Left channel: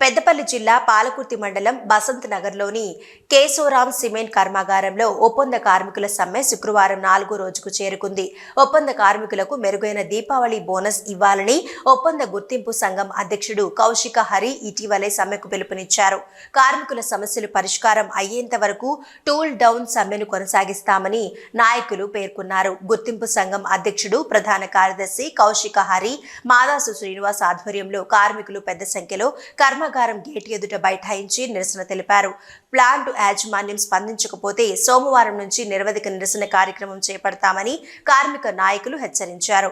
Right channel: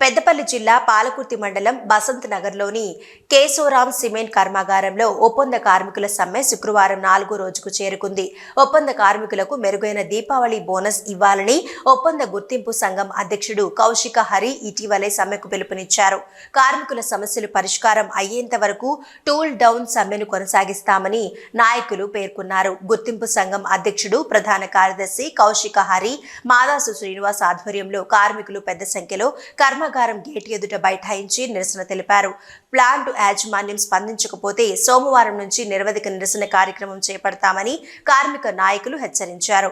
పెద్దపల్లి జిల్లా పాలకుర్తి మండలం బసంత్ నగర్లోని కేశవరాం సిమెంట్ కర్మాగారంలో ఒప్పంద కార్మికుల సమ్మె శుక్రవారం 4వ రోజుకు చేరుకుంది. ఒప్పంద కార్మికులకు మెరుగైన దీపావళి బోనస్ ఇవ్వాలని ఒప్పంద గుర్తింపు సంఘం అధ్యక్షుడు కౌశిక హరి ఇటీవలే సమ్మెకు పిలుపునిచ్చారు. కార్మికుల సమస్యలు పరిష్కారం అయ్యేంత వరకు టూల్ డౌన్ సమ్మెను కొనసాగిస్తామని నాయకులు పేర్కొన్నారు. గుర్తింపు సంఘం అధ్యక్షుడు ప్రధాన కార్యదర్శి కౌశిక హరి, మాదాసు శ్రీనివాస్ ఆధ్వర్యంలో కార్మికులు పెద్ద సంఖ్యలో కర్మాగారం గేట్ ఎదుట బైఠాయించి నిరసన తెలిపారు. ప్లాంట్ యాజమాన్యం స్పందించకపోతే సోమవారం నుంచి నిరవధిక నిరసన కార్యక్రమం చేపడతామని కార్మిక నాయకులు హెచ్చరించారు.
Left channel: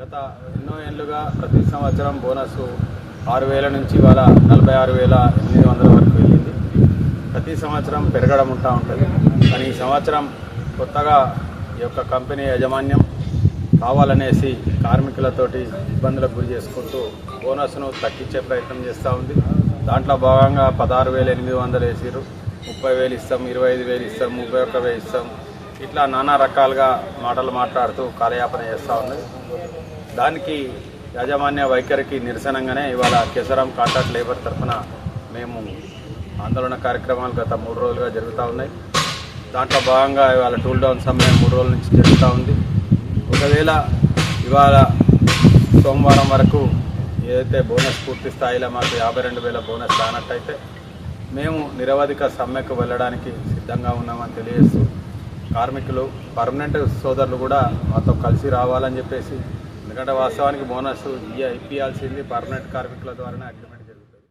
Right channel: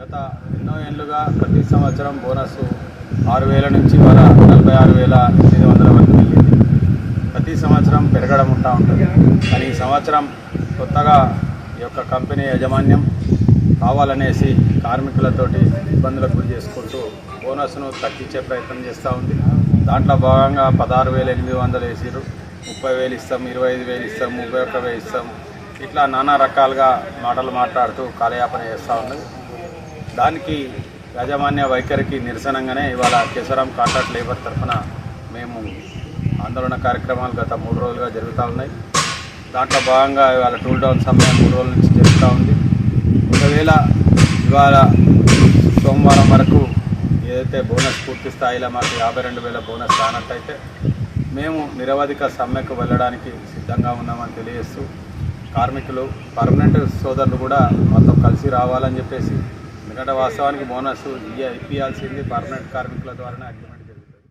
గత ఎన్నో ఏళ్లుగా ప్రతి సంవత్సరం బోనస్ 6,000 నుంచి ఇవాళ 46,800 వరకు వెళ్ళింది. ప్రతి సంవత్సరం పెరగడం ఉంటుంది. కానీ ఈ సంవత్సరం కొత్తగా ఈ యొక్క కంపెనీ యాజమాన్యం కావాలనేసి కార్మికులతోటి ఇబ్బందులకు గురి చేసుకుంటూ బోనస్ను తగ్గించే ప్రయత్నం చేస్తూ ఉంది. దాంట్లో భాగంగా 16,800 వేసిరు, 30,000 ఇస్తాం, 25,000 ఇస్తాం, 31,000 ఇస్తాం, ఇట్లా నానా రకాలుగా మాటలు మాట్లాడుతూ కాలయాపన చేస్తూ ఉన్నది. దానికి యాజమాన్య వైఖరికి నిరసనగానే ఇవాళ కేశవరాం కాంట్రాక్ట్ లేబర్ తరఫున మేము ఆందోళన కార్యక్రమాలు గత 3 రోజులుగా జరుగుతూ ఉన్నాయి. దాంట్లో భాగంగా ఇవాళ టూల్ డౌన్ సమ్మె 3 రోజుల నుంచి జరుగుతూ ఉంది. ఒకవేళ ఇవాళ సోమవారం వరకు ఏదైతే బోనస్ పూర్తి స్థాయిలో మాకు 52,000 బోనస్ రానట్టయితే మేము నిరవధిక సమ్మెకు వెళ్ళడానికి సిద్ధంగా ఉన్నామని తెలియజేస్తూ కార్మికులు పర్మనెంట్ సోదరులు కూడా మాతో కలిసి రావాలని చెప్పేసి, ఎందుకంటే వాస్తవానికి బోనస్ ఇప్పించాల్సింది పర్మనెంట్ కార్మికుల ద్వారానే అగ్రిమెంట్